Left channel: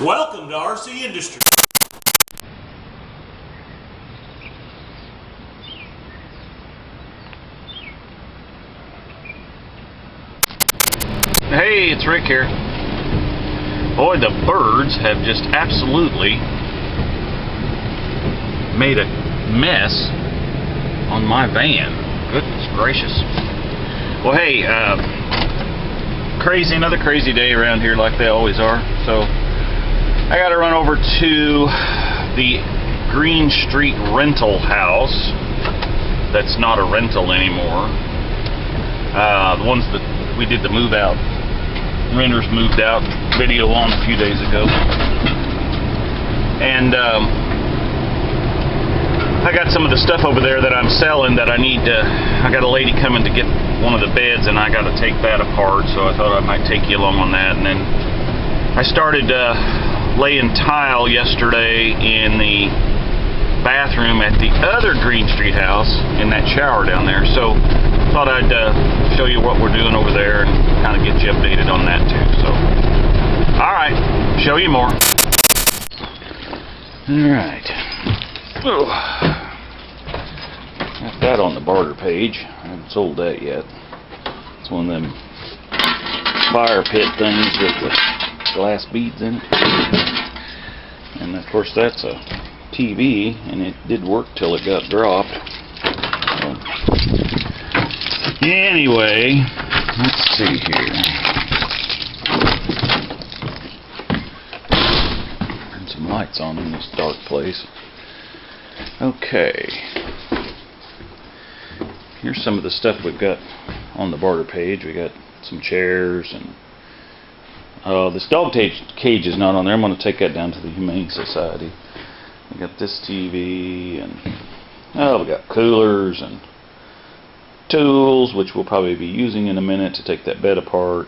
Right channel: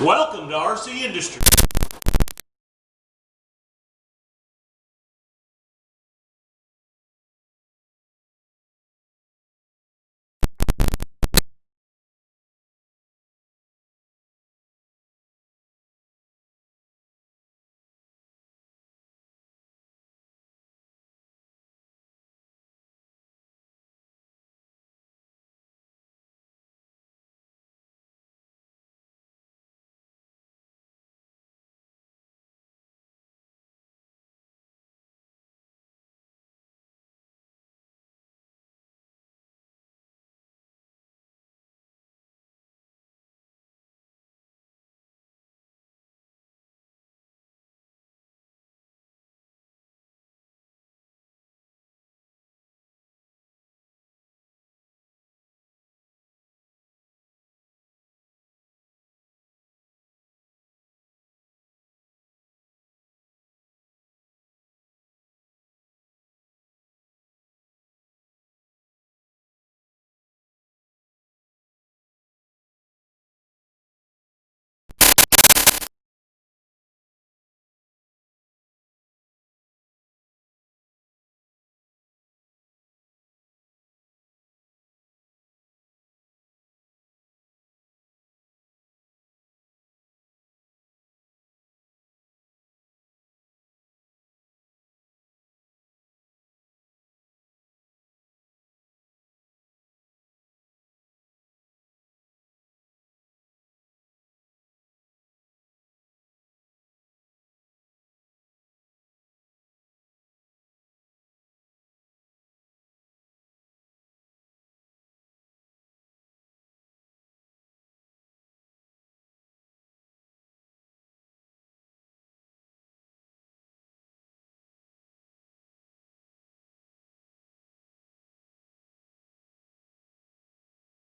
Welcome to RC Industry. Hey, it's Rick here. Boy, the birds have just absolutely made a mess on my van. Goodness gracious. Well, hey, another crazy day around here like they always are. So I got to run over to the Greene Street rental house. That's not a rental anymore. The ones that we did the move out, renters moved out video on a few days ago. And I got some of the stuff over there that I'm selling that I need to, I got a lady coming to get one of the beds and I got to take that apart, so I thought I might take you along on that. And then I started laying tile yesterday in the bathroom at the other Greene Street house in that shower down there. So thought I'd show you what we're doing over there and kind of get you updated on that too. So, alright, show you more. Alright. Got that on the barter page. I haven't sold that yet. It's one of them fire pit things with the glass beads in it. And of course that's a TV, and it did work till it got dropped. So, anyway, let's see here. Turn some lights on in this dark place. Okay. Here's some of the stuff we've got on the barter page. We got some chairs and this dog cage is not on there. I'm going to take that down to the Humane Society. We got this TV and we got coolers and tools, which we'll probably be using in a minute to take that bed apart.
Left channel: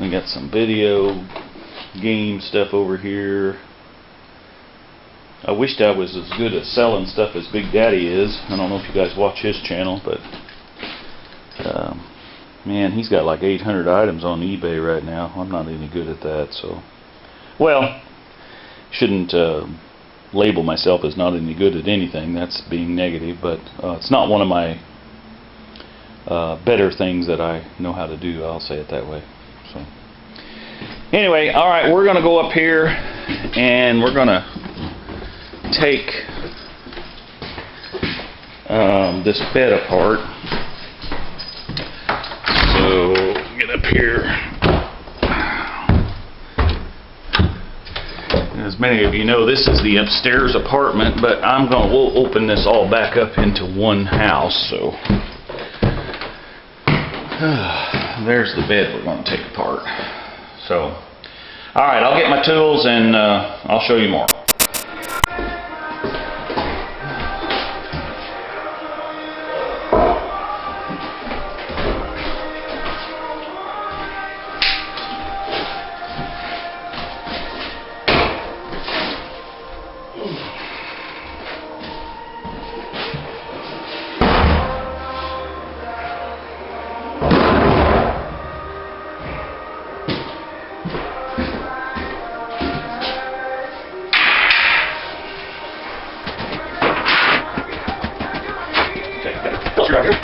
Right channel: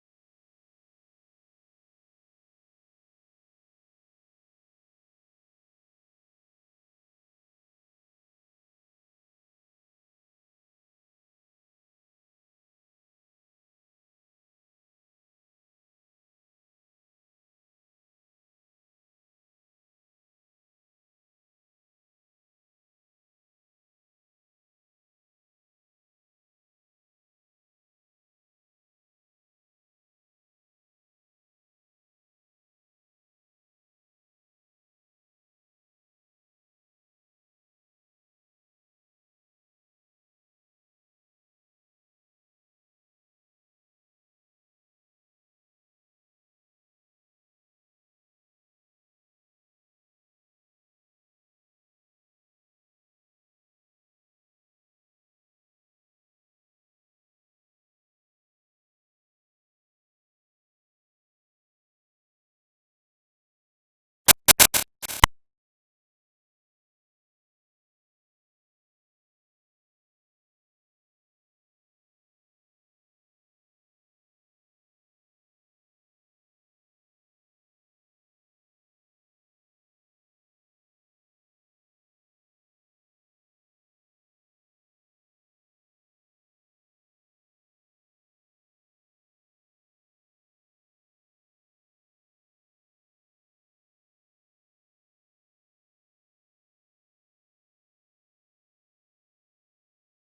We got some video game stuff over here. I wished I was as good at selling stuff as Big Daddy is. I don't know if you guys watch his channel, but man, he's got like 800 items on eBay right now. I'm not any good at that, so well, shouldn't label myself as not any good at anything. That's being negative, but it's not one of my better things that I know how to do. I'll say it that way. So anyway, all right, we're gonna go up here and we're gonna take this bed apart. So get up here. As many of you know, this is the upstairs apartment, but we'll open this all back up into one house. So there's the bed we're going to take apart. So, all right, I'll get my tools and I'll show you more. Right here.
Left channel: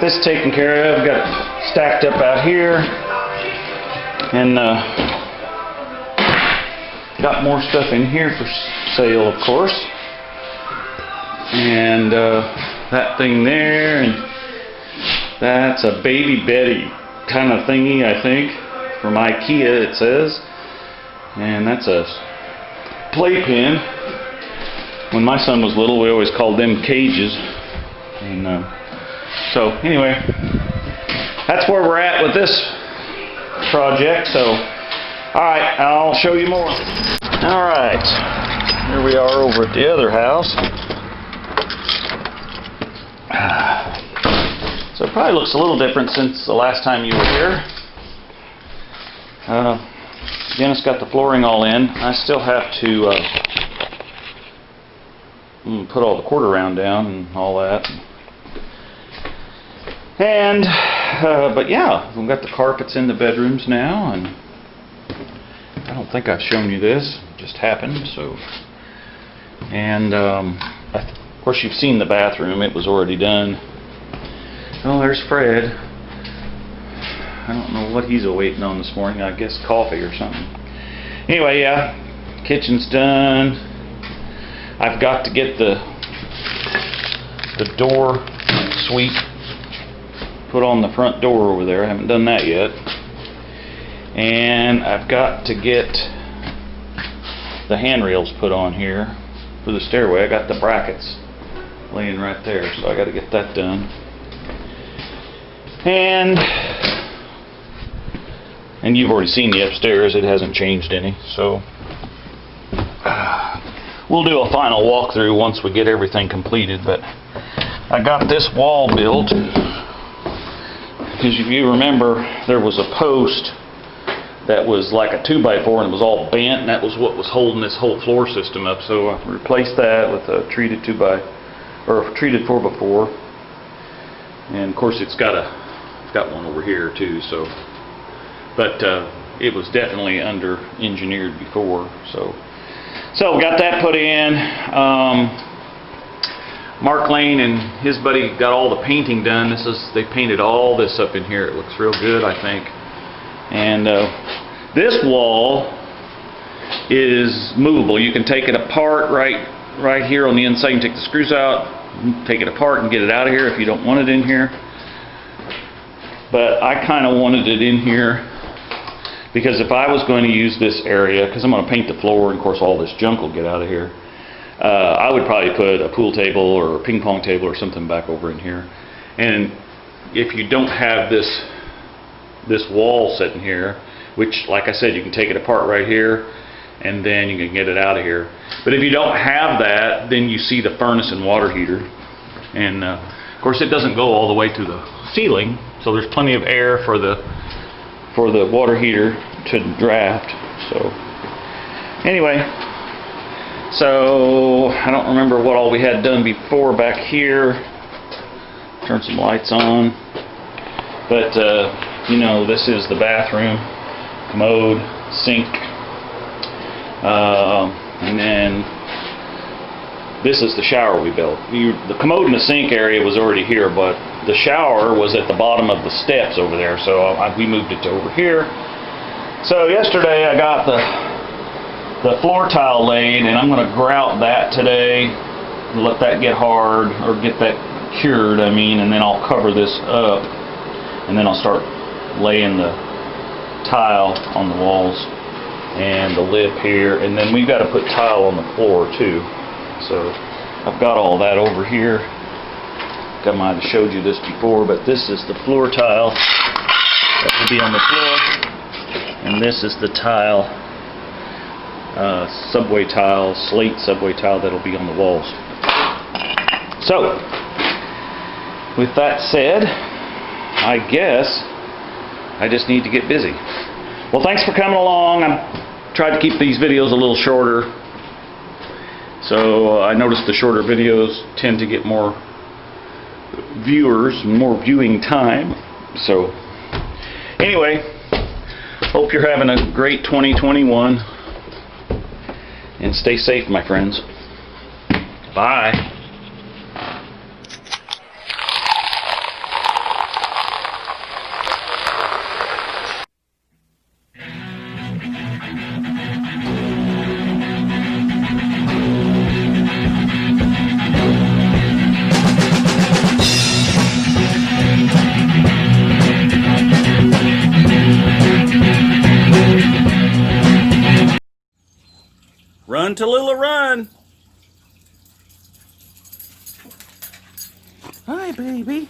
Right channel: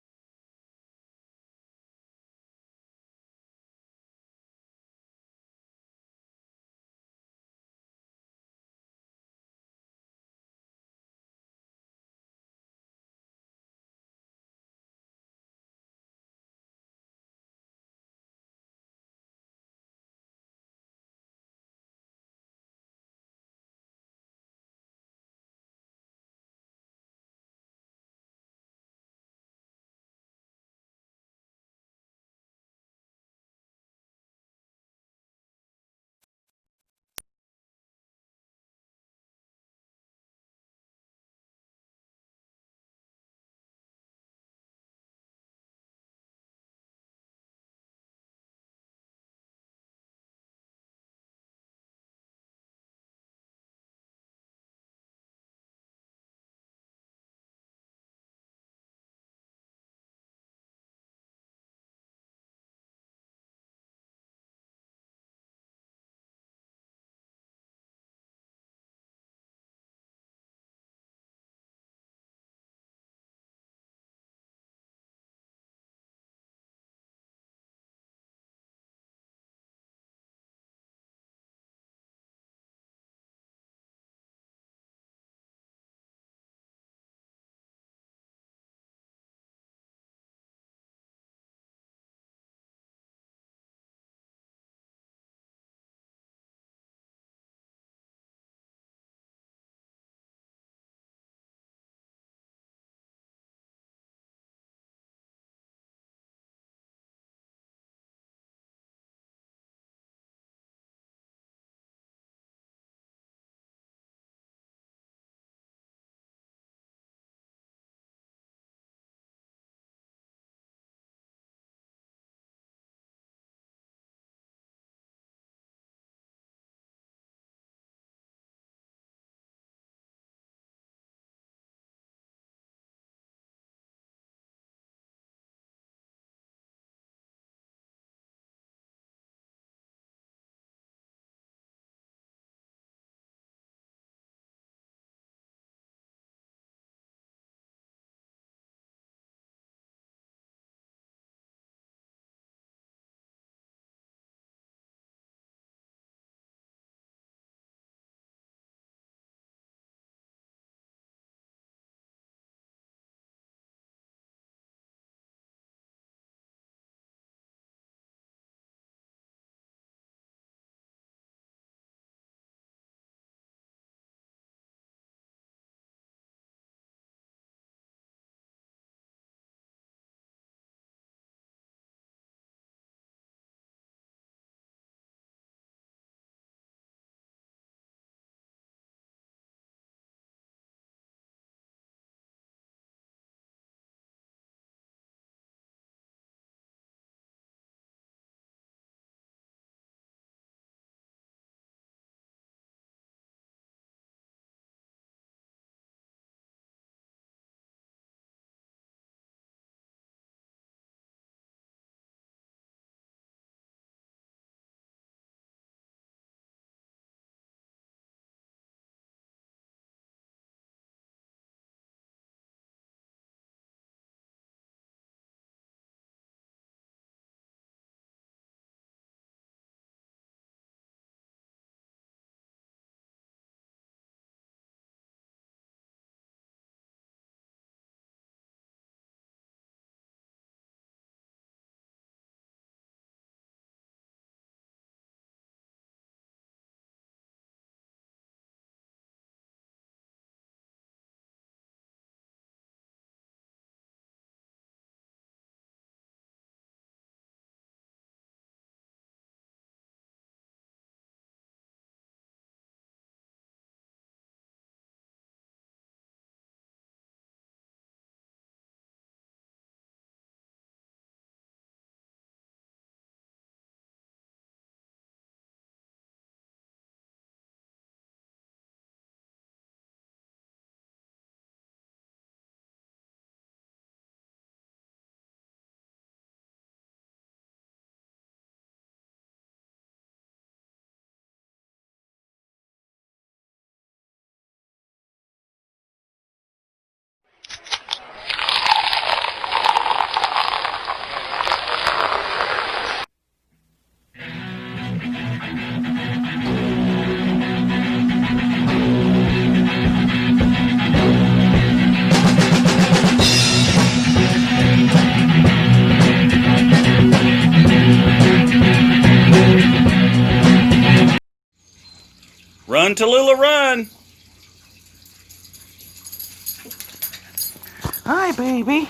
got this taken care of. Got it stacked up out here. And got more stuff in here for sale, of course. And that thing there, and that's a Baby Betty kind of thingy, I think, from IKEA it says. And that's a playpen. When my son was little, we always called them cages. And so anyway, that's where we're at with this project. So alright, I'll show you more. Alright, here we are over at the other house. So it probably looks a little different since the last time you were here. Dennis got the flooring all in. I still have to put all the quarter round down and all that. And but yeah, we've got the carpets in the bedrooms now, and I don't think I've shown you this. It just happened. So, and of course you've seen the bathroom. It was already done. Oh, there's Fred. I don't know what he's waiting on this morning. I guess coffee or something. Anyway, yeah, kitchen's done. I've got to get the door sweep put on the front door over there. I haven't done that yet. And I've got to get the handrails put on here for the stairway. I got the brackets laying right there, so I got to get that done. And you've already seen the upstairs. It hasn't changed any, so we'll do a final walkthrough once we get everything completed. But I got this wall built because if you remember, there was a post that was like a 2x4 and it was all bent, and that was what was holding this whole floor system up. So I replaced that with a treated 4x4, and of course it's got one over here too. So, but it was definitely under engineered before. So got that put in. Mark Lane and his buddy got all the painting done. They painted all this up in here. It looks real good, I think. And this wall is movable. You can take it apart right here on the inside. You can take the screws out, take it apart and get it out of here if you don't want it in here. But I kind of wanted it in here because if I was going to use this area, because I'm going to paint the floor and of course all this junk will get out of here, I would probably put a pool table or a ping pong table or something back over in here. And if you don't have this wall sitting here, which like I said, you can take it apart right here and then you can get it out of here. But if you don't have that, then you see the furnace and water heater. And of course it doesn't go all the way to the ceiling, so there's plenty of air for the water heater to draft. So anyway, so I don't remember what all we had done before back here. Turn some lights on. But you know, this is the bathroom, commode, sink, and then this is the shower we built. The commode and the sink area was already here, but the shower was at the bottom of the steps over there, so we moved it to over here. So yesterday I got the floor tile laid, and I'm going to grout that today, let that get hard, or get that cured, I mean, and then I'll cover this up, and then I'll start laying the tile on the walls and the lip here, and then we've got to put tile on the floor too. So I've got all that over here. I might have showed you this before, but this is the floor tile that will be on the floor, and this is the tile, subway tile, slate subway tile that'll be on the walls. So with that said, I guess I just need to get busy. Well, thanks for coming along. I tried to keep these videos a little shorter. So I noticed the shorter videos tend to get more viewers, more viewing time. So anyway, hope you're having a great 2021. And stay safe, my friends. Bye. Run, Tallulah, run. Hi, baby.